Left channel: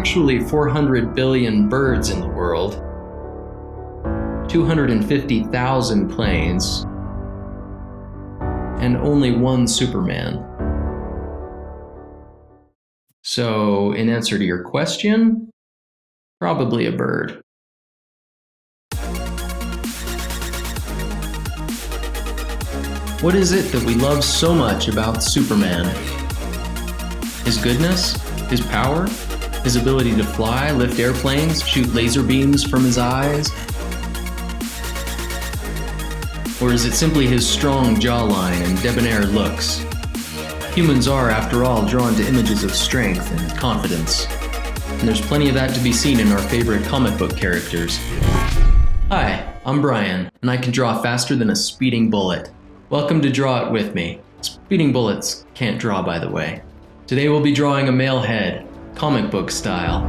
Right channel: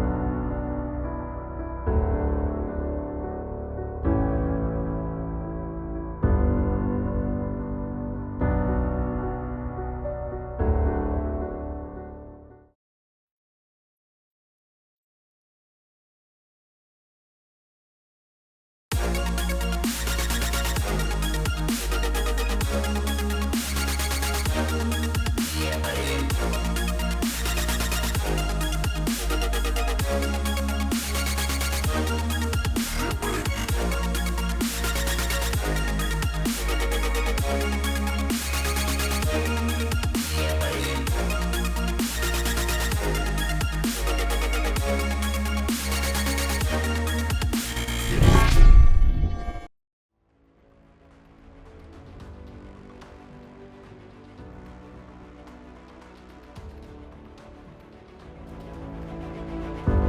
actually 400 billion birds in the world, 250,000 planes, and only one Superman. So, in answer to your question, probably a bird. What is it that we love so much about Superman? His goodness? His power? His ability to fly, lift airplanes, shoot laser beams from his eyes? Or is it simply his strong jawline and debonair looks? Humans are, after all, drawn to images of strength and confidence. And there's plenty of that to be seen in our favorite comic book characters. Hi, I'm Brian, and I can draw faster than a speeding bullet. Welcome to Draw It With Me. Speeding bullets can't draw, by the way. Today we'll be drawing a male head, comic book style.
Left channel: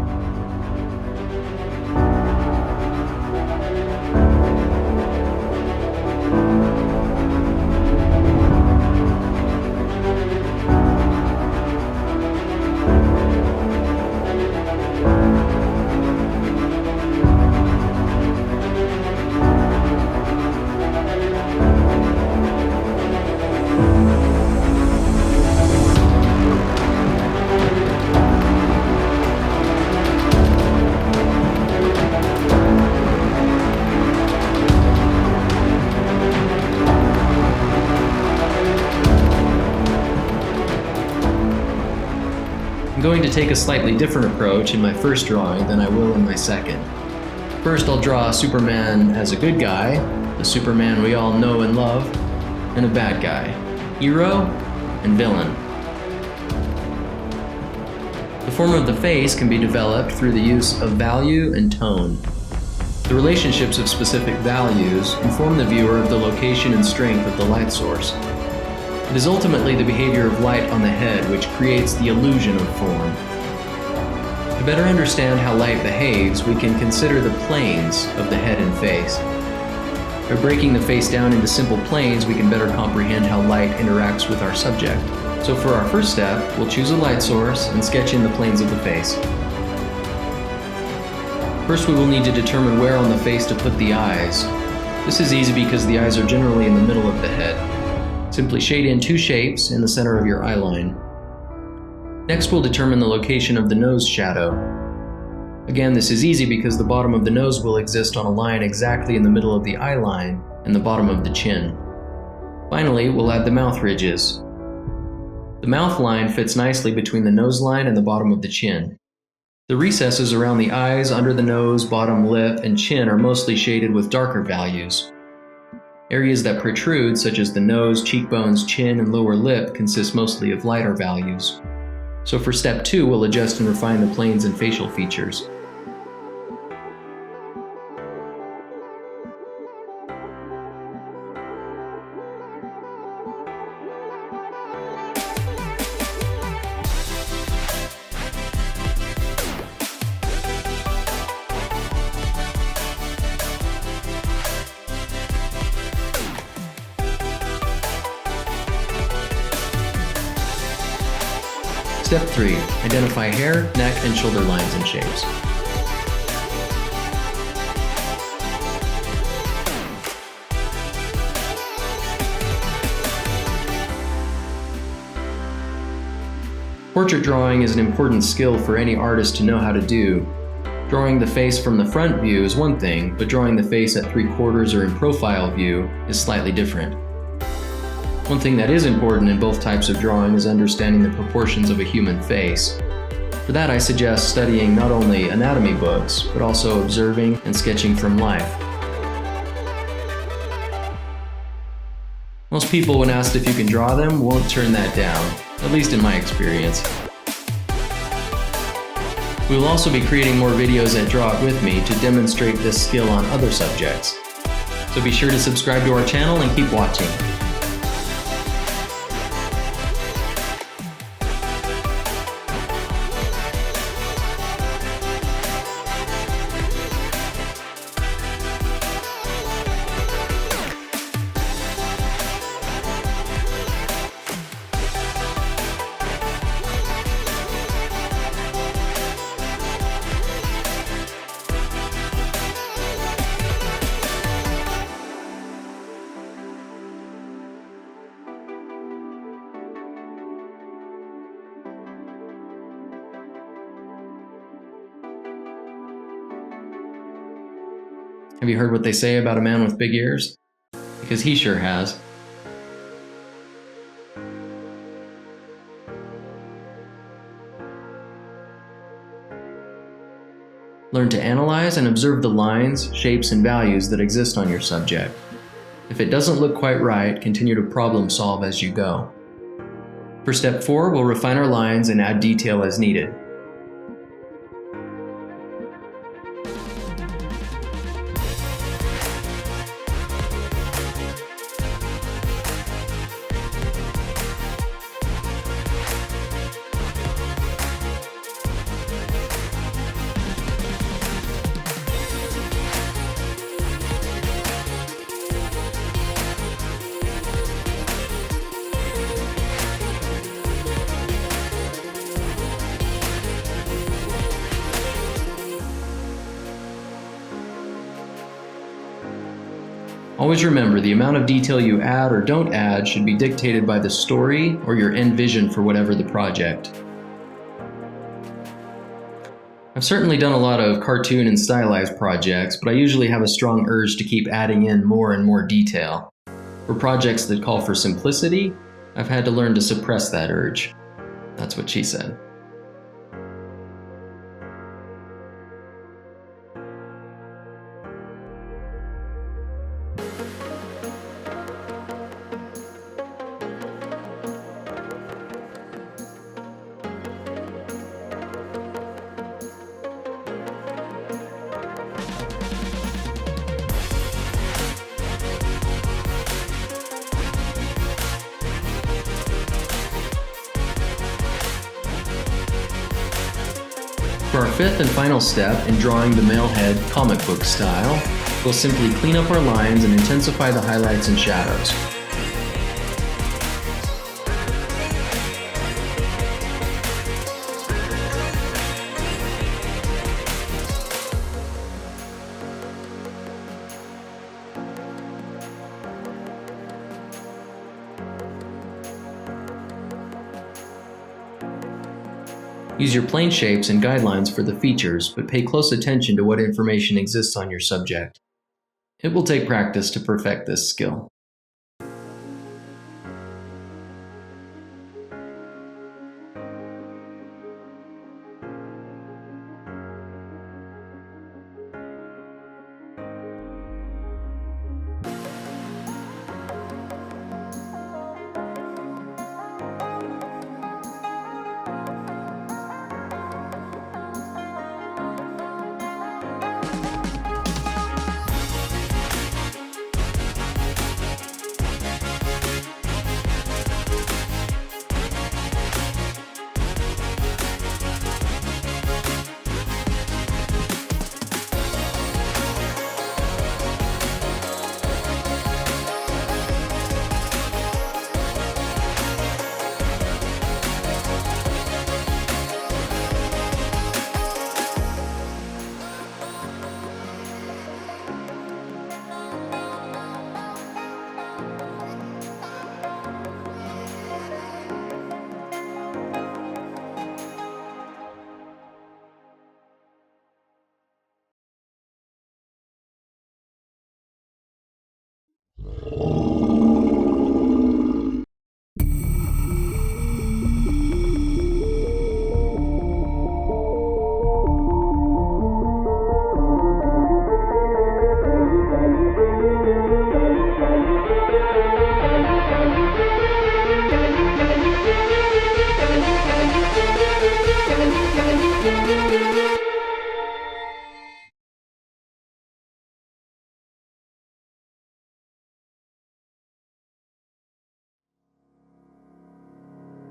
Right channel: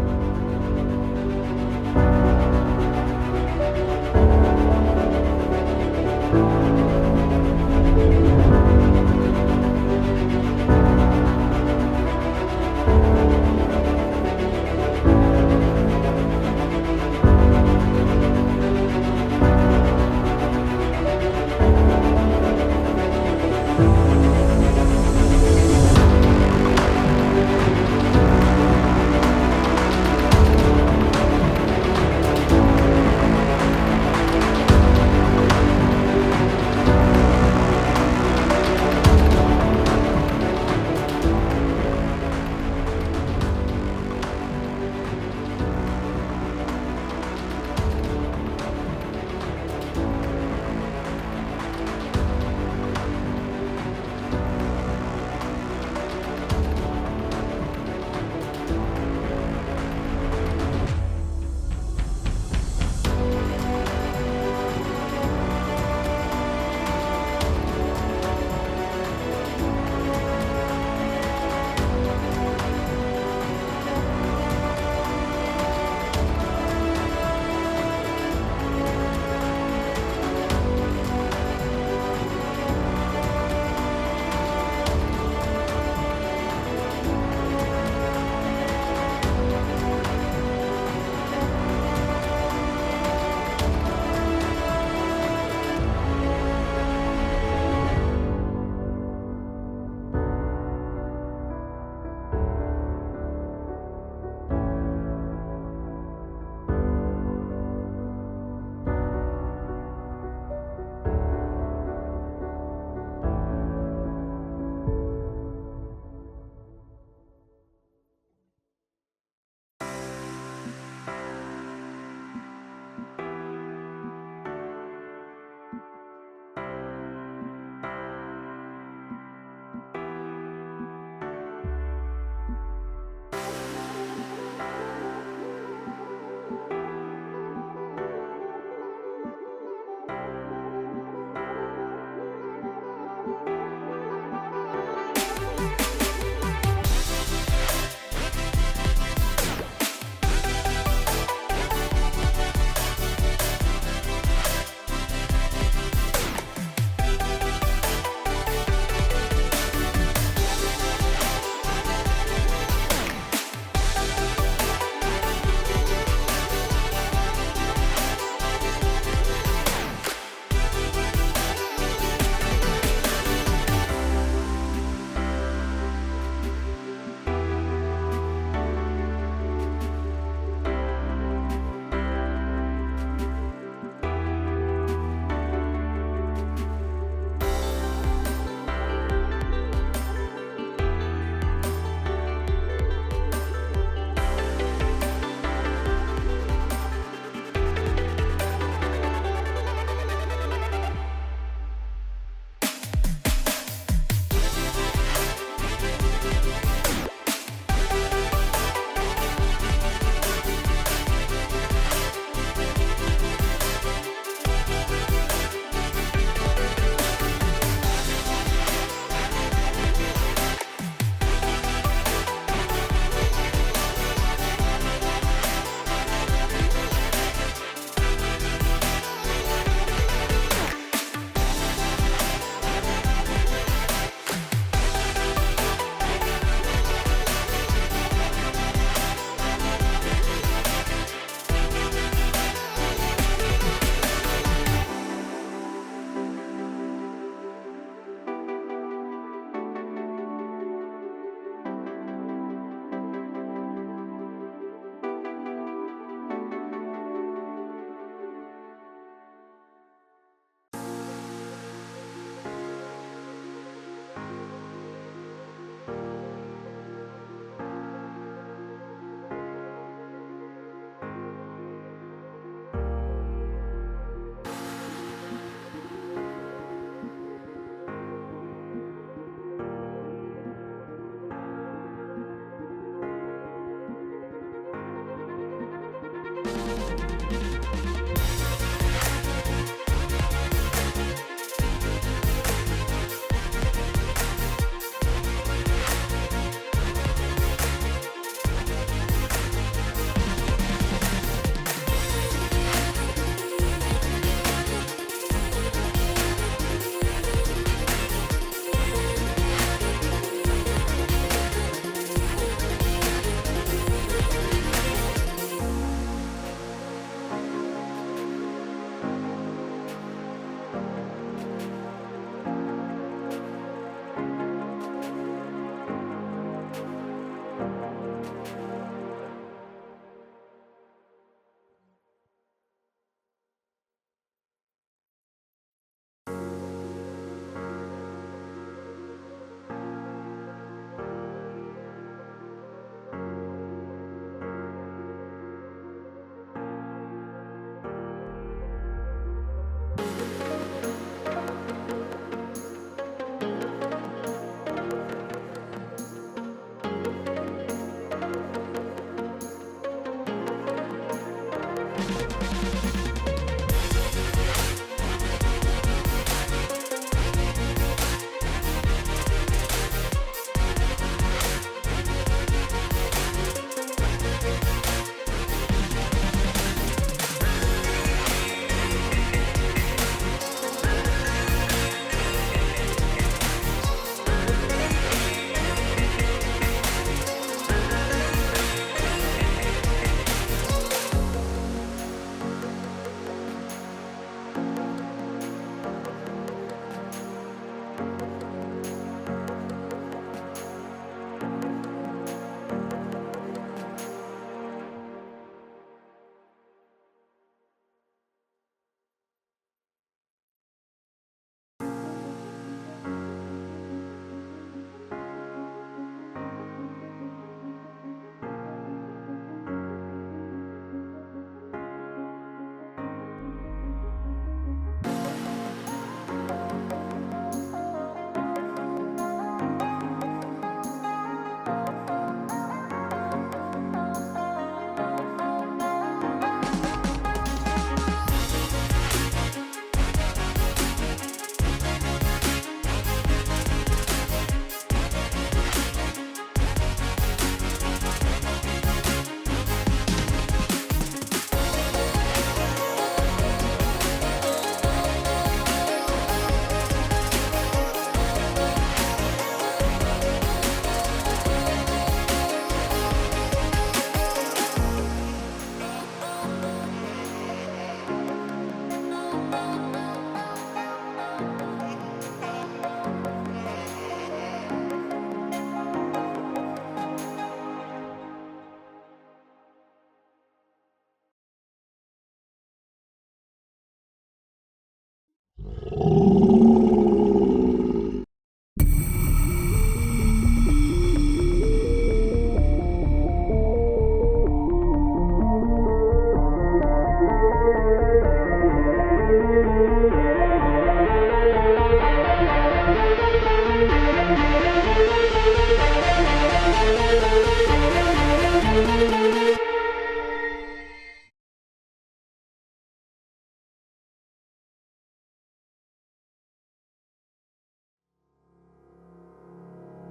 I'm going to take a slightly different approach in my first drawing than I will in my second. First, I'll draw Superman as a good guy, the Superman we all know and love, and a bad guy, hero and villain. The form of the face can be developed through the use of value and tone. The relationships of specific values inform the viewer of the location and strength of the light source. It is ultimately the behavior of light on the head which creates the illusion of form. To better understand how light behaves, we can consider the planes of the head and face. By breaking the face down into simple planes, we can better comprehend how light interacts with our subject. So for our first step, we'll choose a light source and sketch in the planes of the face. First, we will need to determine where on the face to put the eyes. This is easy because the eyes are generally in the middle of the head. Simply shade in two shapes in the center of your eye line. Next, we'll determine the location of the nose shadow. Again, this is easy because the bottom of the nose will exist on a line exactly in the middle of the eye line and the bottom of the chin. Finally, we'll add the mouth ridges. The mouth line fits nicely between the nose line and the bottom of the chin. The recesses around the eyes, under the nose, bottom lip, and chin are mostly shaded with darker values. Areas that protrude, such as the nose, cheekbones, chin, and lower lip, consist mostly of lighter values. So for step 2, we'll adjust and refine the planes and facial features. Step 3. Identify hair, neck, and shoulder lines and shapes. Portrait drawing is an important skill for any artist to know how to do. Drawing the face from the front view is one thing, but drawing the face at 3/4 or in profile view is slightly different. One thing that is important in both types of drawing is understanding the proportions of a human face. For that, I suggest studying not only anatomy books, but also observing and sketching from life. Most people, when asked if you can draw them, won't turn that down, at least in my experience. We will also be creating more videos at Draw It With Me to demonstrate this skill on other subjects. So be sure to subscribe to our channel and keep watching. Have you heard what they say about a man with big ears? Because he sure has. Learn to analyze and observe the lines, shapes, and values that exist on your subject. If it doesn't look quite right, continue to problem solve as you go. For step 4, we'll refine our lines and add detail as needed. Always remember, the amount of detail you add or don't add should be dictated by the story or your end vision for whatever the project. I've certainly done a lot of cartoon and stylized projects, but I usually have a strong urge to keep adding in more and more detail. For projects that call for simplicity, I've had to learn to suppress that urge. That's what she said. For our fifth and final step in drawing the male head comic book style, we'll simply clean up our lines and intensify the highlights and shadows. Use your plane shapes and guidelines for the features, but pay close attention to what information exists on your subject. It will take practice to perfect this skill.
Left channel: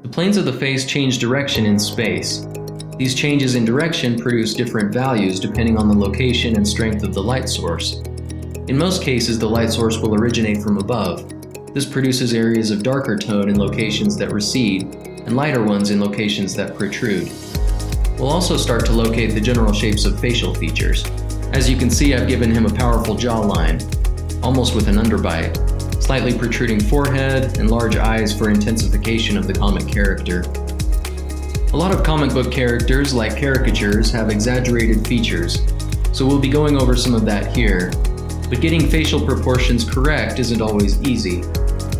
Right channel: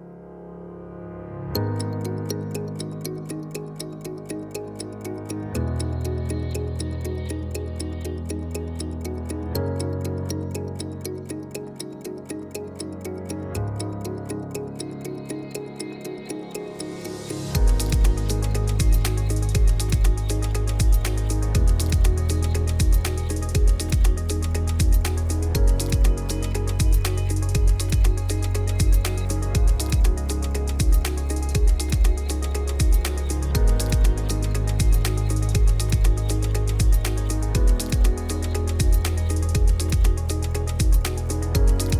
The planes of the face change direction in space. These changes in direction produce different values depending on the location and strength of the light source. In most cases, the light source will originate from above. This produces areas of darker tone in locations that recede, and lighter ones in locations that protrude. We'll also start to locate the general shapes of facial features. As you can see, I've given him a powerful jawline, almost with an underbite, slightly protruding forehead, and large eyes for intensification of the comic character. A lot of comic book characters, like caricatures, have exaggerated features, so we'll be going over some of that here, But getting facial proportions correct isn't always easy.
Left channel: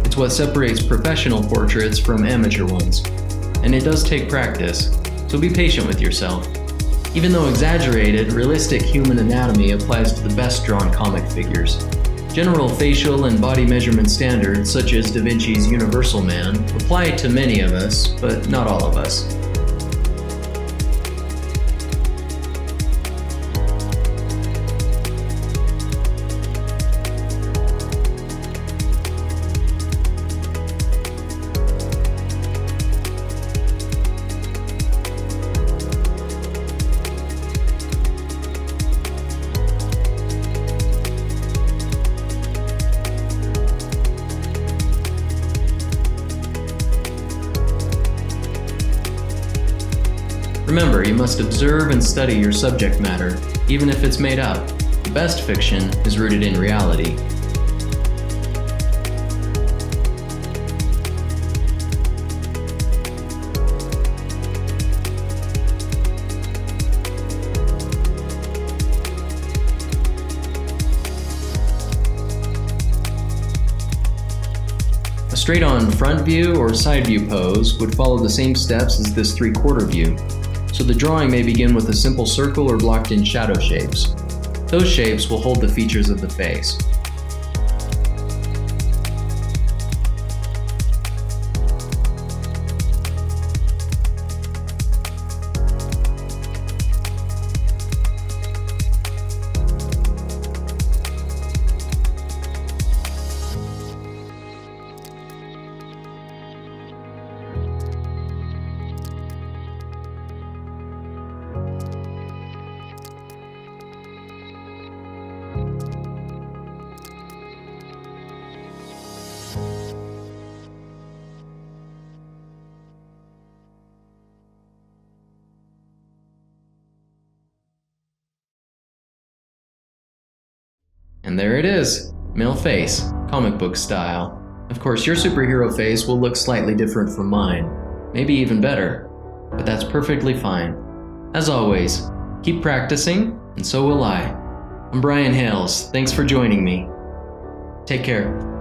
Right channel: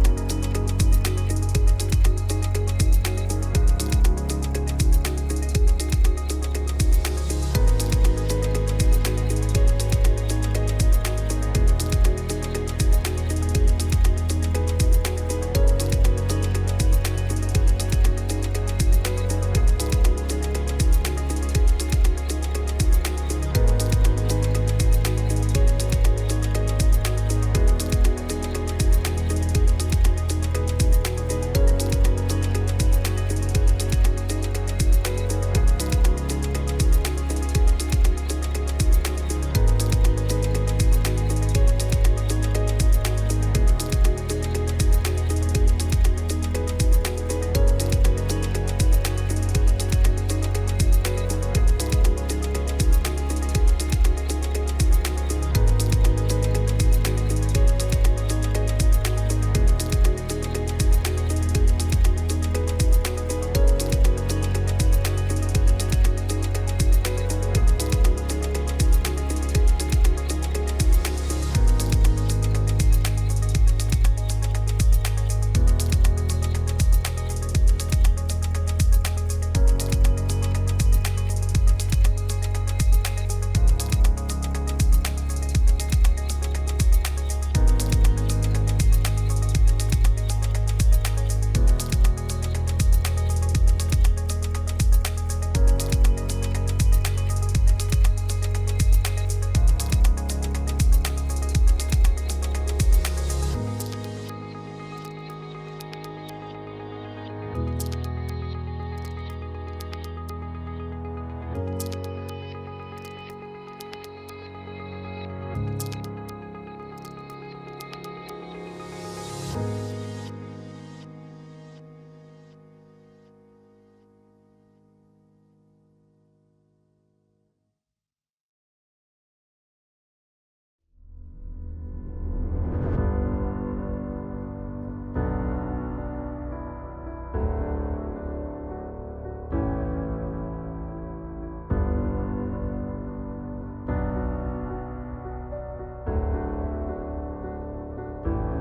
It's what separates professional portraits from amateur ones. And it does take practice, so be patient with yourself. Even though exaggerated, realistic human anatomy applies to the best drawn comic figures. General facial and body measurement standards, such as Da Vinci's Universal Man, apply to many of us, but not all of us. Remember, you must observe and study your subject matter, even if it's made up. The best fiction is rooted in reality. A straight-on front view or side view pose would follow the same steps as this 3/4 view. So the drawing may begin with a simple circle or blocked-in shadow shapes. Those shapes will hold the features of the face. And there it is, male face, comic book style. Of course, your superhero face will look slightly different from mine, maybe even better, but that's perfectly fine. As always, keep practicing, and so will I. I'm Brian Hales, thanks for joining me. Take care.